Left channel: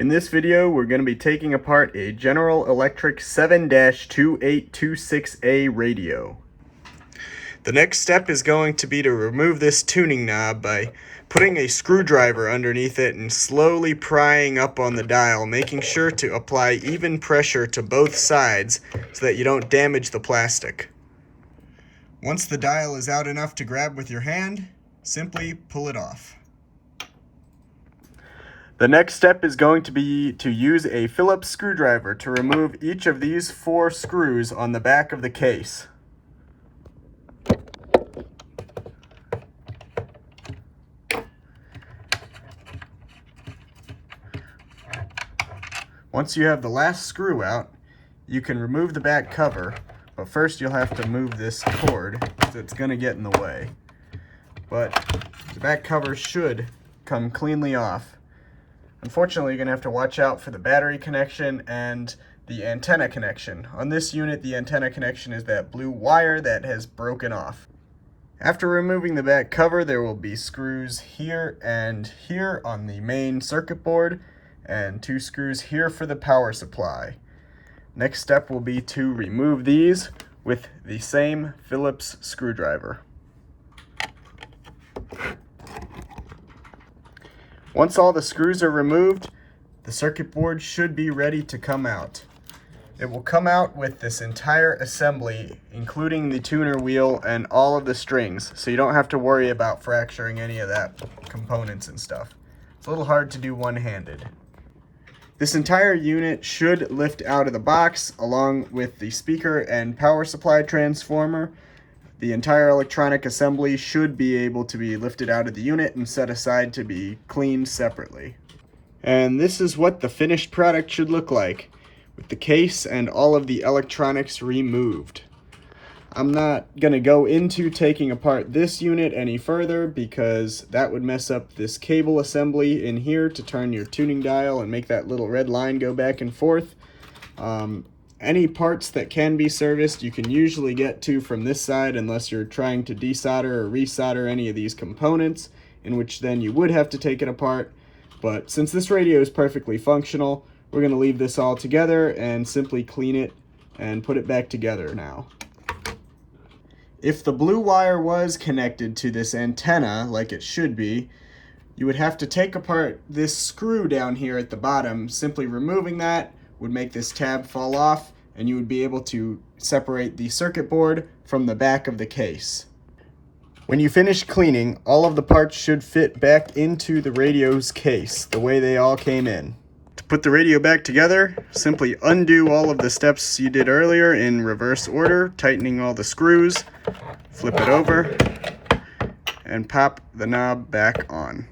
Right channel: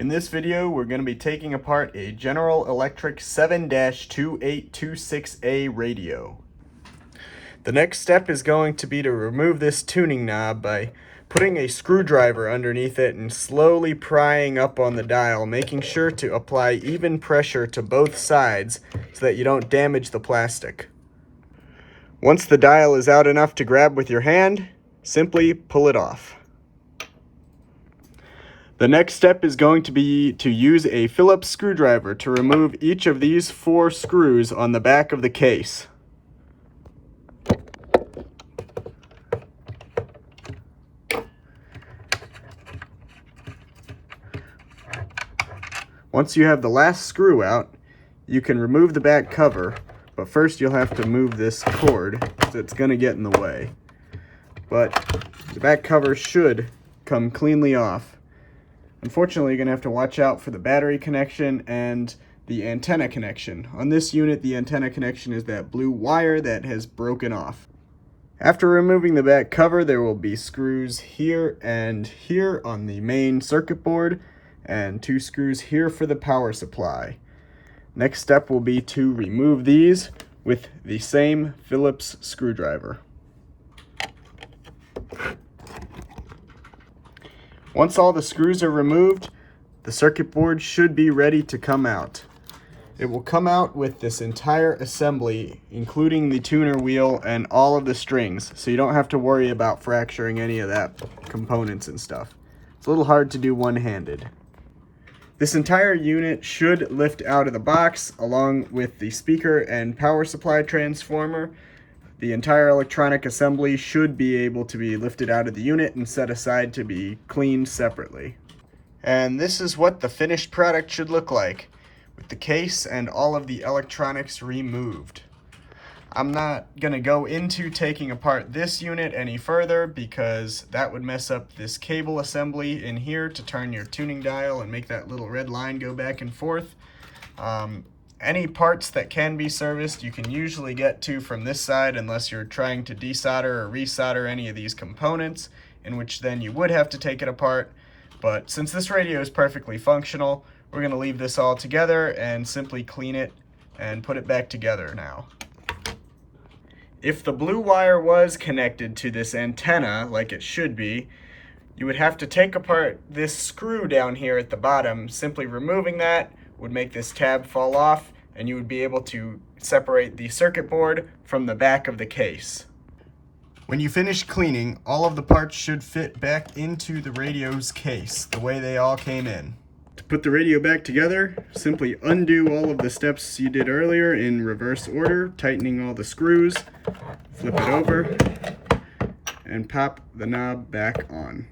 In this video, we're going to be taking apart a General Electric 7-2826A radio. The next step is going to be to remove this tuning knob by putting a screwdriver underneath it and slowly prying up on the dial, making sure to apply even pressure to both sides so that you don't damage the plastic. Once the dial is out enough to grab with your hand, simply pull it off. The next step is going to be to use a Phillips screwdriver to remove each of these 4 screws on the back of the case. Once you have the last screw out, you can remove the back cover, but first you'll have to move this cord because it's going to get in the way. But the back cover should come cleanly off. Unfortunately, you're going to have to watch out for the battery connection and the antenna connection. On this unit, the antenna connection is that blue wire that has broken off. After removing the back cover, there will be screws here and here on the main circuit board, and 2 screws here for the power supply. Next step will be to remove these with the same Phillips screwdriver. Once all the screws are removed, the circuit board should be ready to come out. It will come out with this entire assembly, including the tuner wheel and all of the strings, so you don't have to worry about fracturing any of that components and stuff. It's a little hard to do one-handed. This entire unit should lift out of the box along with the speaker and power supply transformer. The entire electronic assembly should be able to be lifted out of the unit and set aside to be cleaned separately. And this is what the finished product should look like, with the case and all of the electronics removed. I'm not going to go into taking apart this unit any further because that would mess up this cable assembly in here to turn your tuning dial and make that little red line go back and forth. Any parts that can be serviced you can usually get to from this side unless you're trying to desolder or resolder any of these components, in which then you would have to take it apart. But since this radio is perfectly functional, we're going to leave this all together and simply clean it and put it back together now. If the blue wire was connected to this antenna like it should be, you would have to take apart this screw down here at the bottom. Simply removing that would make this tab fall off, and you would be able to separate the circuit board from the back of the case. When you finish cleaning, all of the parts should fit back into the radio's case the way they all came in. To put the radio back together, simply undo all of the steps you did earlier in reverse order, tightening all the screws, flip it over, and pop the knob back on.